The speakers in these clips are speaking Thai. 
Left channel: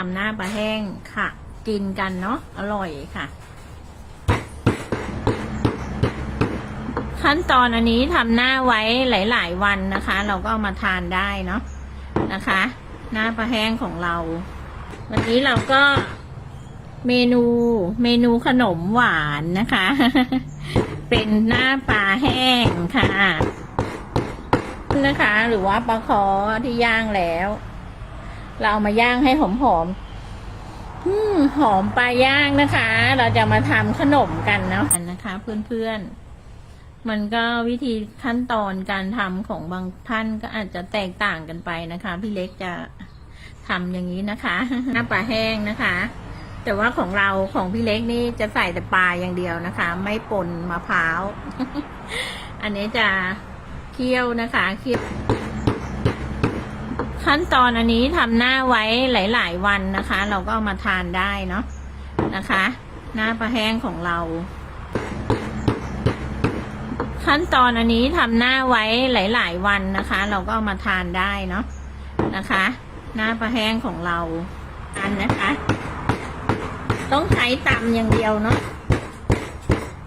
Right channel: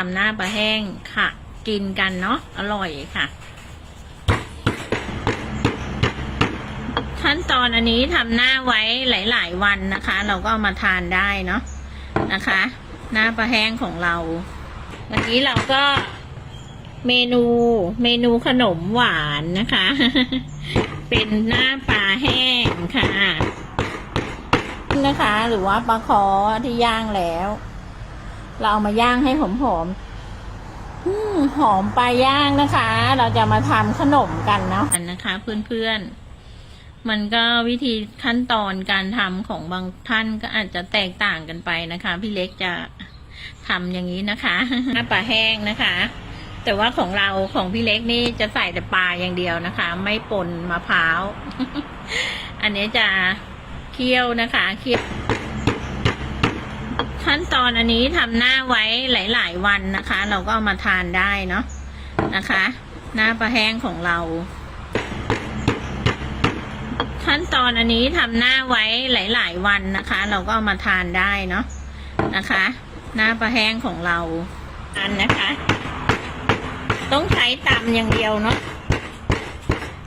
ทำหน้าปลาแห้งค่ะ กินกันเนาะอร่อยค่ะ ขั้นตอนอันนี้ทำหน้าไว้หลาย ๆ วันนะคะ เราก็เอามาทานได้เนาะนะคะ หน้าปลาแห้งของเรา วันนี้เราก็เมนูเมนูขนมหวานนะคะ เป็นหน้าปลาแห้งค่ะนะคะ หรือว่าปลาคอที่ย่างแล้ว เราเอามาย่างให้หอมๆอืมหอมปลาย่างนะคะ เราจะมาทำขนมกันเนาะนะคะ เพื่อนๆ มันก็วิธีขั้นตอนการทำของบางท่านก็อาจจะแตกต่างกันไปนะคะ พี่เล็กจะทำอย่างนี้นะคะหน้าปลาแห้งนะคะ แต่ว่าของเราของพี่เล็กนี่จะใส่แต่ปลาอย่างเดียวนะคะ ไม่ป่นมะพร้าว อันนี้จะเคี่ยวนะคะเคี่ยว ขั้นตอนอันนี้ทำหน้าไว้หลาย ๆ วันนะคะ เราก็เอามาทานได้เนาะนะคะ หน้าปลาแห้งของเรา ขั้นตอนอันนี้ทำหน้าไว้หลาย ๆ วันนะคะ เราก็เอามาทานได้เนาะนะคะ หน้าปลาแห้งของเราอันนะคะ ต้องใช้ตำอย่างเดียวเนาะ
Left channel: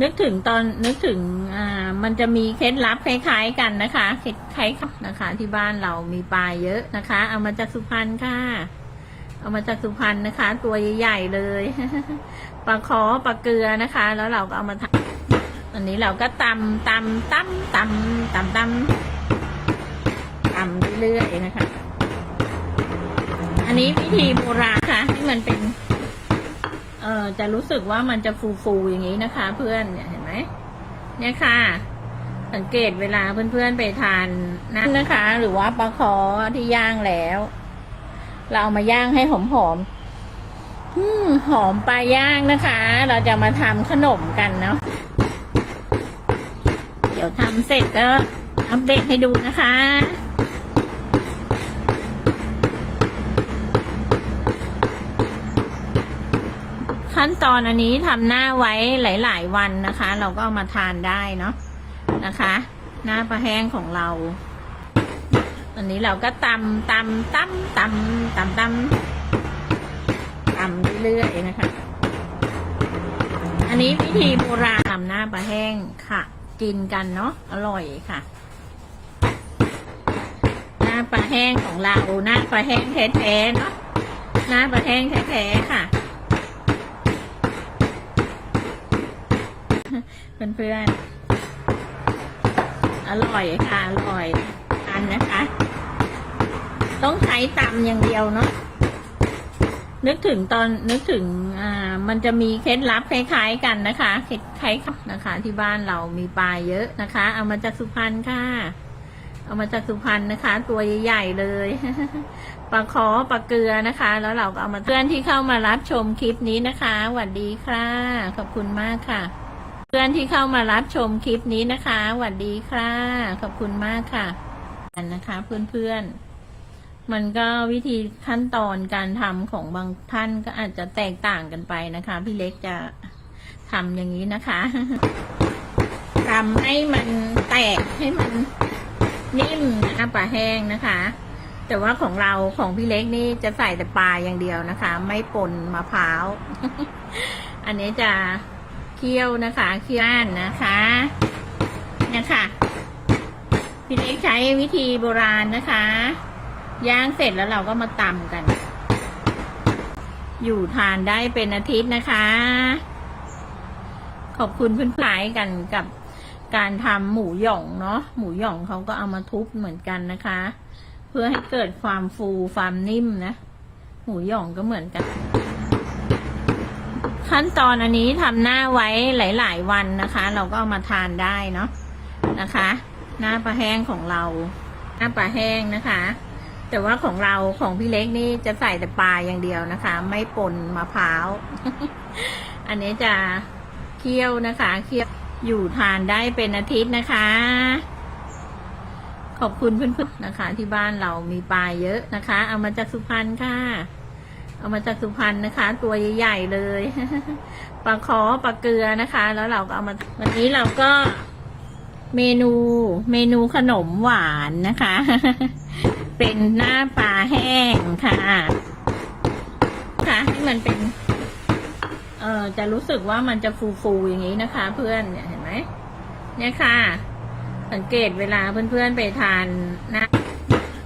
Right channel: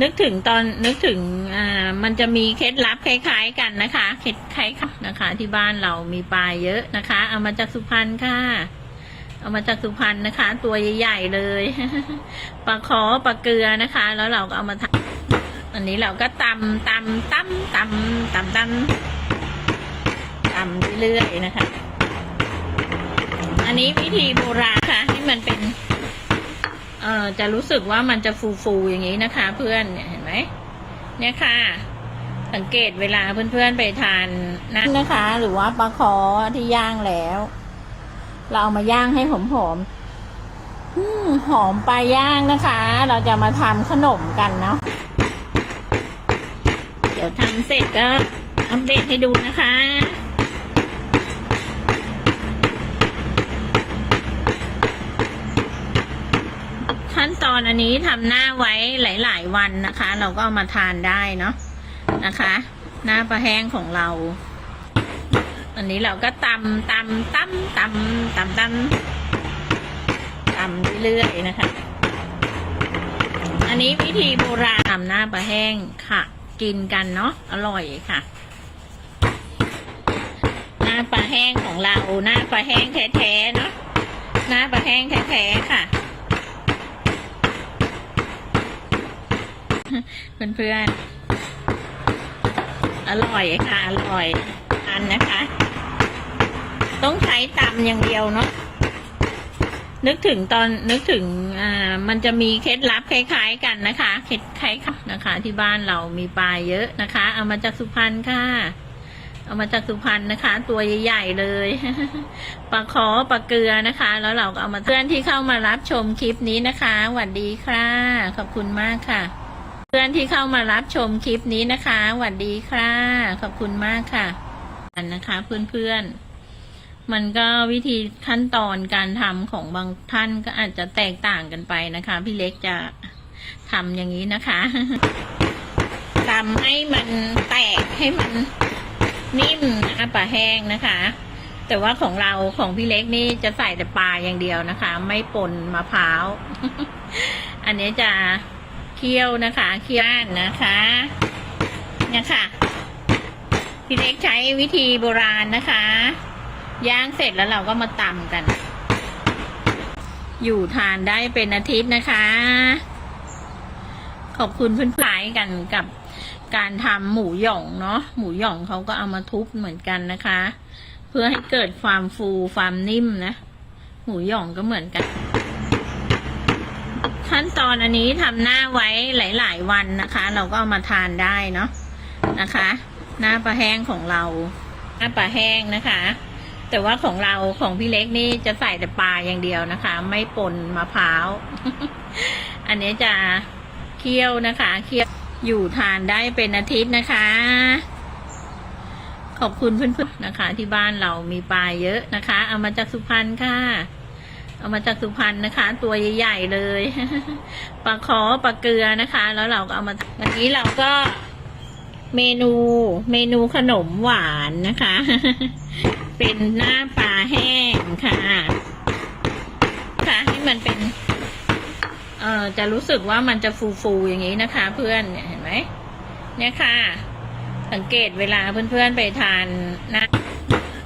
นึกถึงตอนนึกถึงอ่ามันจะมีเคล็ดลับคล้ายๆกันนะคะเคล็ดคล้ายๆนะคะ ที่บ้านเรามีปลาเยอะนะคะ เอามาจากสุพรรณค่ะ เอามาจากสุพรรณนะคะ ตัวใหญ่ๆเลยปลาคอปลาเกลือนะคะ แล้วเราก็เอามาทำอันนี้เราก็ตำตำตำตำตำตำตำเรื่อยๆนะคะ อันนี้วิธีโบราณค่ะให้มันเป็น เอ่อจะรู้สึกว่ามันจะฟูฟูๆอย่างนี้นะคะ เพื่อนเนี่ยเห็นไหมเนี่ยค่ะ สังเกตเวลาเพื่อนๆไปทานนั่นนะคะ หรือว่าปลาคอที่ย่างแล้ว เราเอามาย่างให้หอมๆอืมหอมปลาย่างนะคะ เราจะมาทำขนมกันเนาะเดี๋ยวทำเสร็จก็อัปเดตให้ดูนะคะ ตอนอันนี้ทำหน้าไว้หลาย ๆ วันนะคะ เราก็เอามาทานได้เนาะนะคะ หน้าปลาแห้งของเรา อันนี้เราก็ตำตำตำตำตำตำตำเรื่อยๆนะคะ อันนี้วิธีโบราณทำหน้าปลาแห้งค่ะ กินกันเนาะอร่อยค่ะ หน้าปลาแห้งของเราหน้าปลาแห้งแท้ๆเนาะหน้าปลาแห้งแท้ๆค่ะ เพื่อนๆ อร่อยค่ะ อร่อยอันนะคะ ต้องใช้ตำอย่างเดียวเนาะนึกถึงตอนนึกถึงอ่ามันจะมีเคล็ดลับคล้าย ๆ กันนะคะเคล็ดคล้ายค่ะนะคะ ที่บ้านเรามีปลาเยอะนะคะ เอามาจากสุพรรณค่ะ เอามาจากสุพรรณนะคะ ตัวใหญ่ๆเลยปลาคอปลาเกลือนะคะ แล้วเราก็เอามาเพื่อนที่เข้ามารับชมคลิปนี้นะคะสวัสดีค่ะ ขอบคุณมากค่ะ เพื่อนที่เข้ามารับชมคลิปนี้นะคะสวัสดีค่ะ ขอบคุณมากค่ะอันนะคะเพื่อนๆ มันก็วิธีขั้นตอนการทำของบางท่านก็อาจจะแตกต่างกันไปนะคะ พี่เล็กจะทำอย่างนี้นะคะทำให้มันแตกให้มันนิ่มนะปลาแห้งนะคะ แต่ว่าของเราของพี่เล็กนี่จะใส่แต่ปลาอย่างเดียวนะคะ ไม่ป่นมะพร้าว อันนี้จะ คี่ยวนะคะเคี่ยวนะคะเนี่ยค่ะพี่เล็กใช้วิธีโบราณนะคะ ย่างเสร็จแล้วเราก็มาตำกัน อยู่ทานได้เป็นอาทิตย์นะคะ ขอบคุณเพื่อนๆกันกับการทำหมูหย่องเนาะหมูหย่องเขาก็เอามาทุบเหมือนกันนะคะ เพื่อให้เกิดความฟูความนิ่มนะ หมูหย่องก็เหมือนกัน ขั้นตอนอันนี้ทำหน้าไว้หลาย ๆ วันนะคะ เราก็เอามาทานได้เนาะนะคะ หน้าปลาแห้งของเรา หน้าปลาแห้งนะคะ แต่ว่าของเราของพี่เล็กนี่จะใส่แต่ปลาอย่างเดียวนะคะ ไม่ปนมะพร้าว อันนี้จะเคี่ยวนะคะเคี่ยวอยู่ทานได้เป็นอาทิตย์นะคะ ขอบคุณเพื่อนๆนะคะ ที่บ้านเรามีปลาเยอะนะคะ เอามาจากสุพรรณค่ะ เอามาจากสุพรรณนะคะ ตัวใหญ่ๆเลยปลาคอปลาเกลือนะคะ แล้วเราก็เอามาวันนี้เราก็เมนูเมนูขนมหวานนะคะ เป็นหน้าปลาแห้งค่ะ ค่ะให้มันเป็น เอ่อจะรู้สึกว่ามันจะฟูๆอย่างนี้นะคะ เพื่อนเนี่ยเห็นไหมเนี่ยค่ะ สังเกตเวลาเพื่อนๆไปทานนะ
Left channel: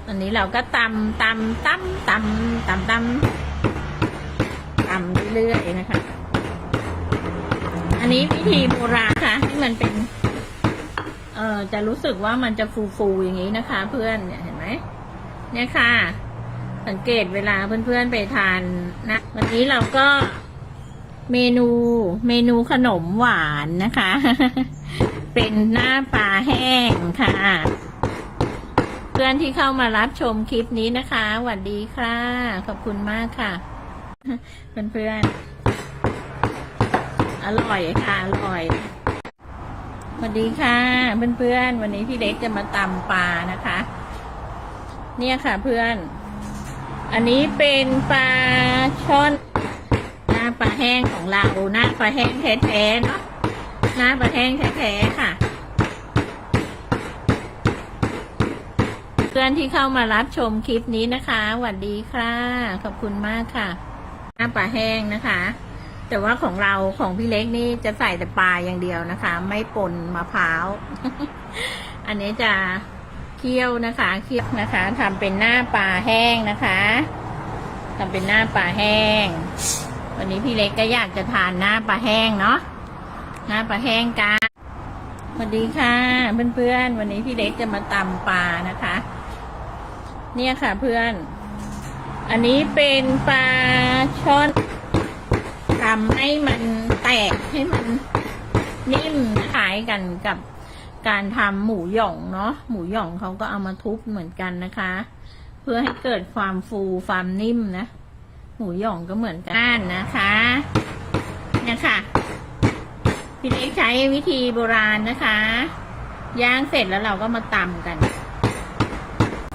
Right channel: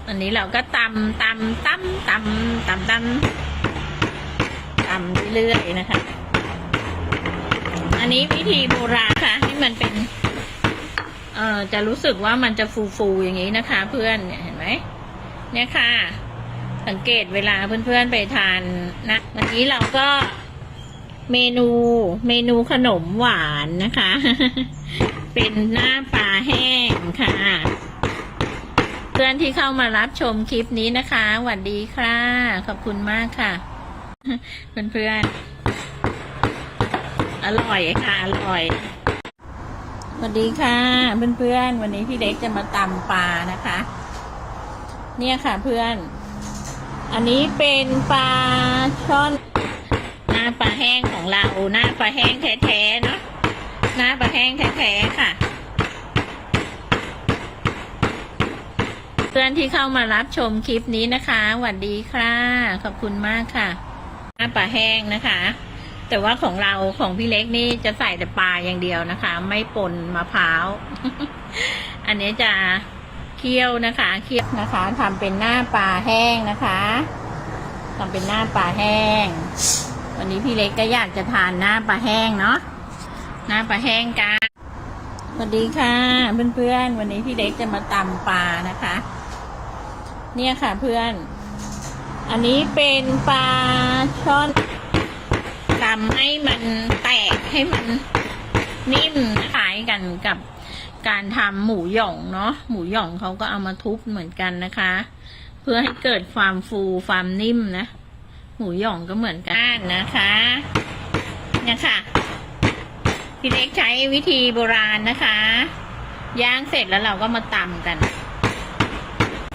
อันนี้เราก็ตำตำตำตำตำตำตำ เรื่อยๆนะคะ อันนี้วิธีโบราณค่ะให้มันเป็น เอ่อจะรู้สึกว่ามันจะฟูๆอย่างนี้นะคะ เพื่อนเนี่ยเห็นไหมเนี่ยค่ะ สังเกตเวลาเพื่อนๆไปทานนะวันนี้เราก็เมนูเมนูขนมหวานนะคะ เป็นหน้าปลาแห้งค่ะ เพื่อนที่เข้ามารับชมคลิปนี้นะคะสวัสดีค่ะ ขอบคุณมากค่ะ เพื่อนๆ อร่อยค่ะ อร่อย สวัสดีค่ะ เพื่อนๆ วันนี้พี่เล็กจะมาตำปลานะคะ เนี่ยค่ะเพื่อน อันนี้เป็นปลาช่อนหน้าปลาแห้งของเราหน้าปลาแห้งแท้ๆเนาะหน้าปลาแห้งแท้ๆค่ะเพื่อนที่เข้ามารับชมคลิปนี้นะคะสวัสดีค่ะ ขอบคุณมากค่ะ หน้าปลาแห้งนะคะ แต่ว่าของเราของพี่เล็กนี่จะใส่แต่ปลาอย่างเดียวนะคะ ไม่ปนมะพร้าว อันนี้จะเคี่ยวนะคะเคี่ยวนะคะทำเป็นหน้าปลาแห้งนะคะทำเป็นหน้าปลาแห้ง วันนี้พี่เล็กก็อยากจะทานหน้าปลาแห้งเนาะหน้าปลาแห้งกันสวัสดีค่ะ เพื่อนๆ วันนี้พี่เล็กจะมาตำปลานะคะ เนี่ยค่ะเพื่อน อันนี้เป็นปลา ช่อนทำให้มันแตกให้มันนิ่มคล้ายกันกับการทำหมูหย่องเนาะหมูหย่องเขาก็เอามาทุบเหมือนกันนะคะ เพื่อให้เกิดความฟูความนิ่มนะ หมูหย่องก็เหมือนกันนะคะเนี่ยค่ะพี่เล็กใช้วิธีโบราณนะคะ ย่างเสร็จแล้วเราก็มาตำกัน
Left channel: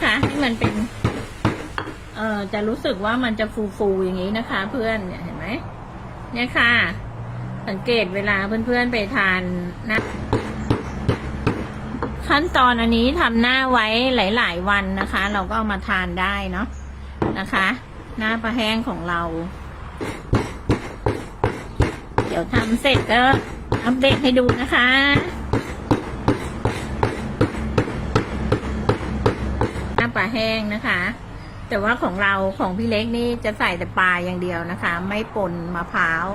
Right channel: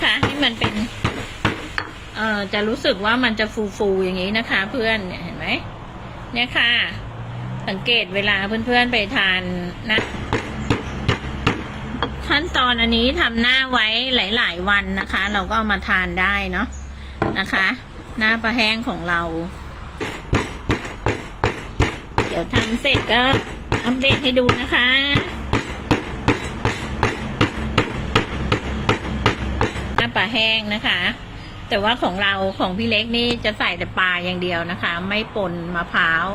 ค่ะให้มันเป็น เอ่อจะรู้สึกว่ามันจะฟูฟูๆอย่างนี้นะคะ เพื่อนเนี่ยเห็นไหมเนี่ยค่ะ สังเกตเวลาเพื่อนๆไปทานนะขั้นตอนอันนี้ทำหน้าไว้หลาย ๆ วันนะคะ เราก็เอามาทานได้เนาะนะคะ หน้าปลาแห้งของเรา เดี๋ยวทำเสร็จก็อัปเดตให้ดูนะคะหน้าปลาแห้งนะคะ แต่ว่าของเราของพี่เล็กนี่จะใส่แต่ปลาอย่างเดียวนะคะ ไม่ปนมะพร้าว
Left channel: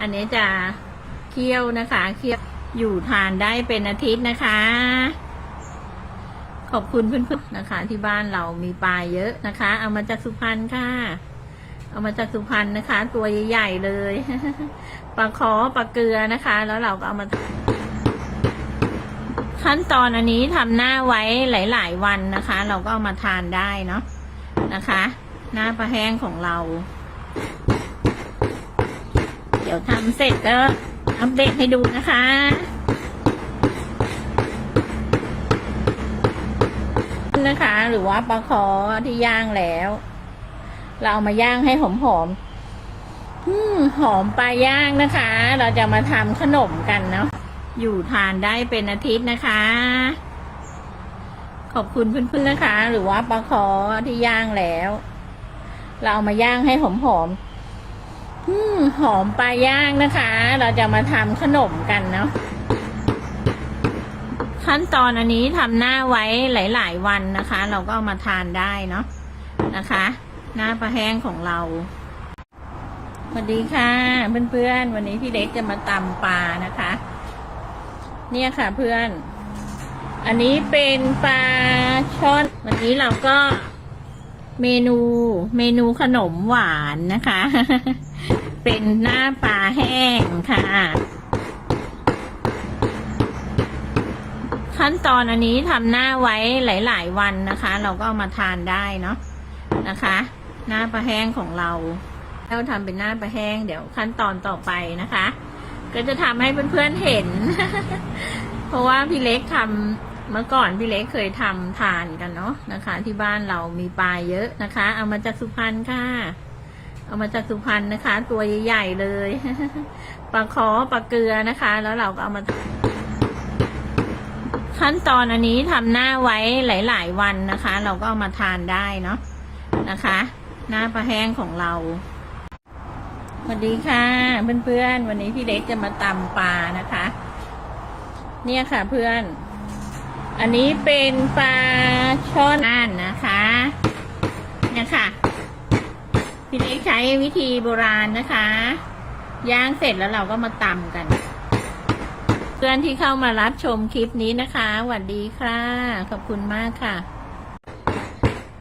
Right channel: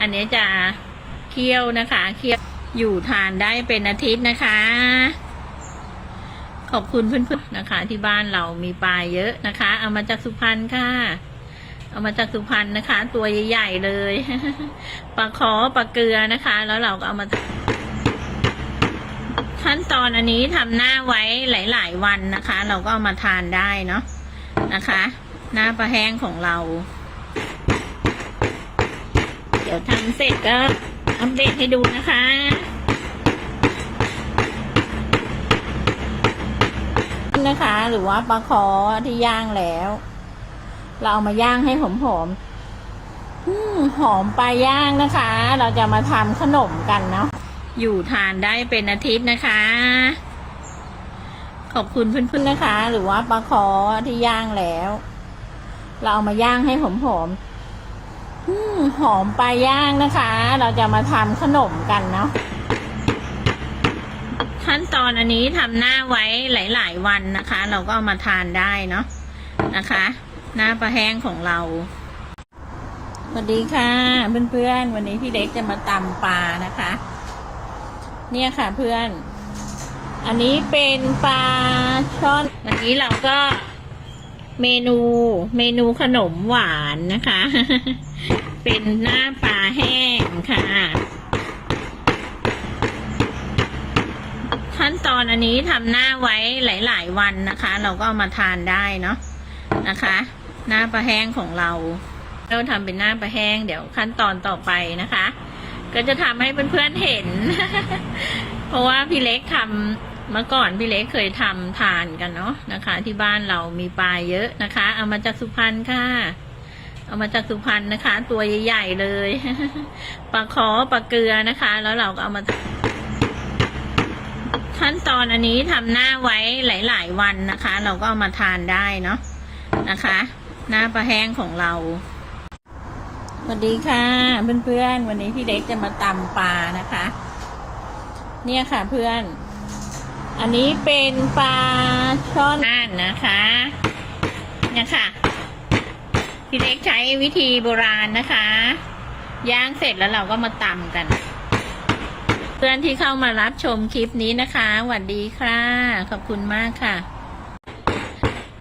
อันนี้จะเคี่ยวนะคะเคี่ยวอยู่ทานได้เป็นอาทิตย์นะคะ ขอบคุณเพื่อนๆนะคะ ที่บ้านเรามีปลาเยอะนะคะ เอามาจากสุพรรณค่ะ เอามาจากสุพรรณนะคะ ตัวใหญ่ๆเลยปลาขอปลาเกลือนะคะ แล้วเราก็เอามา ขั้นตอนอันนี้ทำหน้าไว้หลาย ๆ วันนะคะ เราก็เอามาทานได้เนาะนะคะ หน้าปลาแห้งของเรา เดี๋ยวทำเสร็จก็อัปเดตให้ดูนะคะนะคะ หรือว่าปลาคอที่ย่างแล้ว เราเอามาย่างให้หอมๆอืมหอมปลาย่างนะคะ เราจะมาทำขนมกันเนาะ อยู่ทานได้เป็นอาทิตย์นะคะ ขอบคุณเพื่อนๆนะคะ หรือว่าปลาคอที่ย่างแล้ว เราเอามาย่างให้หอมๆอืมหอมปลาย่างนะคะ เราจะมาทำขนมกันเนาะขั้นตอนอันนี้ทำหน้าไว้หลาย ๆ วันนะคะ เราก็เอามาทานได้เนาะนะคะ หน้าปลาแห้งของเราสวัสดีค่ะเพื่อนๆวันนี้พี่เล็กจะมาตำปลานะคะ เนี่ยค่ะเพื่อน อันนี้เป็นปลาช่อนวันนี้เราก็เมนูเมนูขนมหวานนะคะ เป็นหน้าปลาแห้งค่ะ ขั้นตอนอันนี้ทำหน้าไว้หลาย ๆ วันนะคะ เราก็เอามาทานได้เนาะนะคะ หน้าปลาแห้งของเรา เราทำเป็นหน้าปลาแห้งเดี๋ยวขั้นตอนต่อไปนะคะ ก็จะทำให้เพื่อนๆเห็น เพราะว่าพี่เล็กทำเมื่อก่อนพี่เล็กเคยทำทานกันเนาะนะคะ ที่บ้านเรามีปลาเยอะนะคะ เอามาจากสุพรรณค่ะ เอามาจากสุพรรณนะคะ ตัวใหญ่ๆเลยปลาคอปลาเกลือนะคะ แล้วเราก็เอามาขั้นตอนอันนี้ทำหน้าไว้หลาย ๆ วันนะคะ เราก็เอามาทานได้เนาะนะคะหหน้าปลาแห้งของเรา สวัสดีค่ะ เพื่อนๆ วันนี้พี่เล็กจะมาตำปลานะคะ เนี่ยค่ะเพื่อน อันนี้เป็นปลาช่อนน่านนะคะ เนี่ยค่ะ พี่เล็กใช้วิธีโบราณนะคะ ย่างเสร็จแล้วเราก็มาตำกัน เพื่อนที่เข้ามารับชมคลิปนี้นะคะสวัสดีค่ะ ขอบคุณมากค่ะ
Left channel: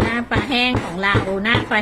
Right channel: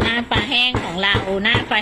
หน้าปลาแห้งของเราหน้าปลาแห้ง